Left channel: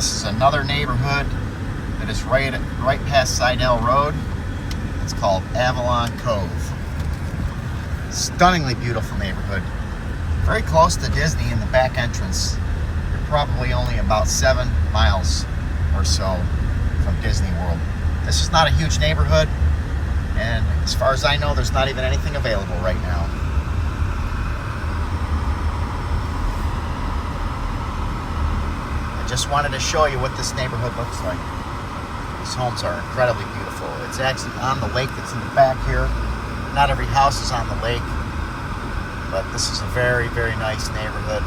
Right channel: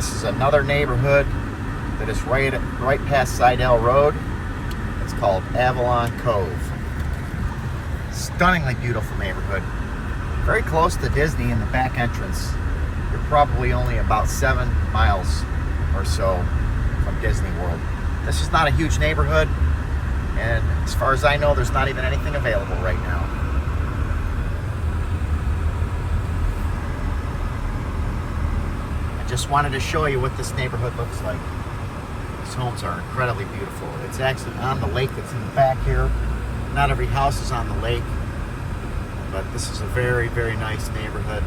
this is another neighborhood that is right past Sidell Road. It's called Avalon Cove. Stunningly beautiful neighborhood. Very close to Disney in the back entrance. You're probably only about 7 miles or so from Disney World. This is not a huge neighborhood, and as far as I know, there's not even anything available right now. I just wanted to show you what this neighborhood looks like. These homes are incredibly beautiful. It's actually on the lake that's in the back here. Not every house is on the lake, but this is a very, very nice neighborhood.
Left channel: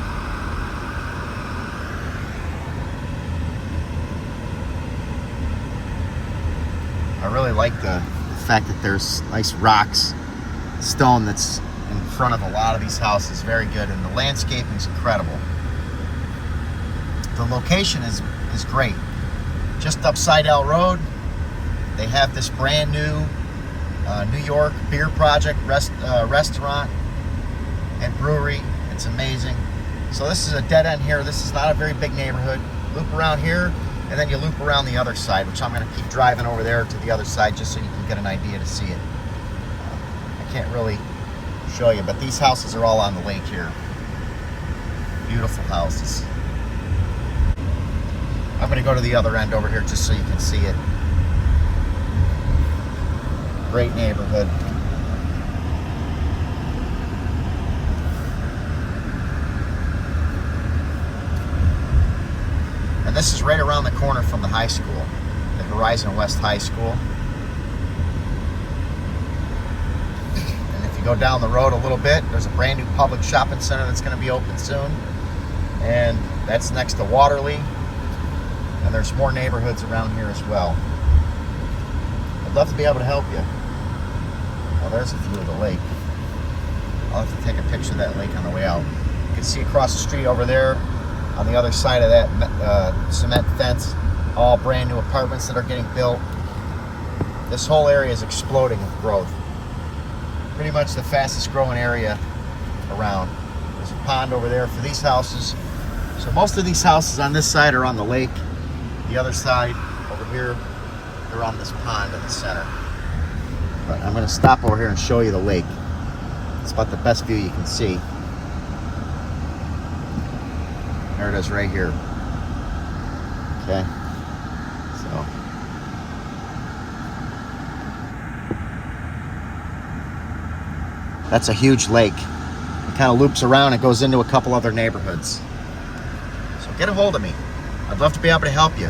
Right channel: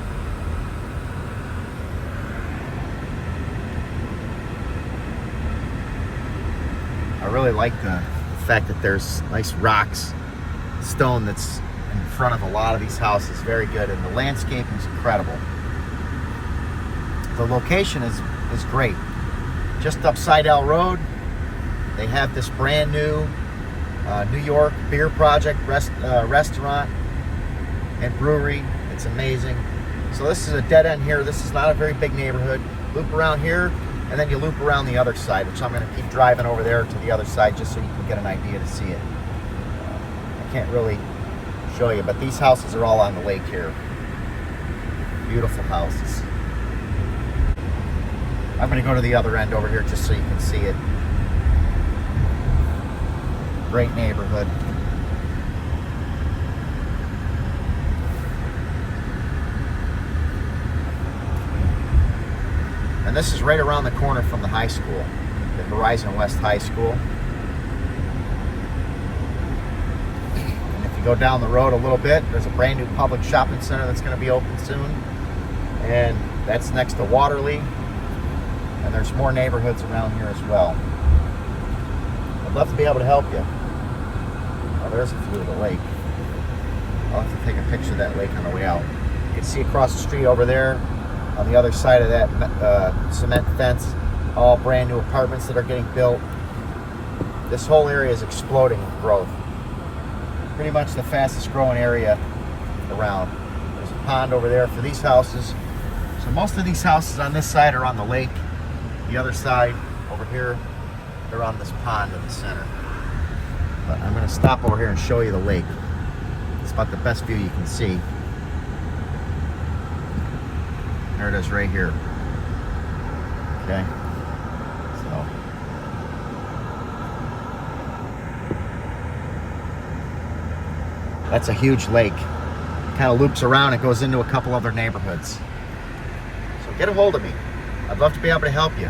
I really like the fact that there's nice rocks, stone that's in front of a lot of these houses. Very good, and the landscaping is incredible. The location is great. Just up Sidell Road, they have this brand new New York Beer Project restaurant and brewery. It's amazing. So this is a dead end here. This is not a very big neighborhood. Loop around here, and then you loop around the other side, which I'm going to keep driving over there to the other side just so you can get an idea to see it. I can't really show you, but these houses are all on the lake here. Beautiful houses. I'm going to go to the other end over here just so you can see it. Great neighborhood. And this is right around the corner from the high school, the Horizon West High School. And if you go down the road a little bit, there's a brand new public shopping center that's going to be open soon. And that's next to Waterley. And there's more neighborhoods around here as well. I'd love to be able to help you. Oh, there's a view of the lake. I'll have to take a picture of that lake on the way out. You can see across the street over there, on the other side of that cement fence, all brand new apartments that are getting built. This whole area is exploding with growth. Pretty much the fastest growing area around. There's a pond over there for these houses. So most of these houses on this side are on the lake. The other side over here, they're on this pond in the center. But I'm going to stop over here and show you the lake. It's about the best view you can see. There it is right here. Okay. So. That's a huge lake. It kind of loops around and goes into a couple other neighborhoods. So get a hold of me. I'd love to be able to help you.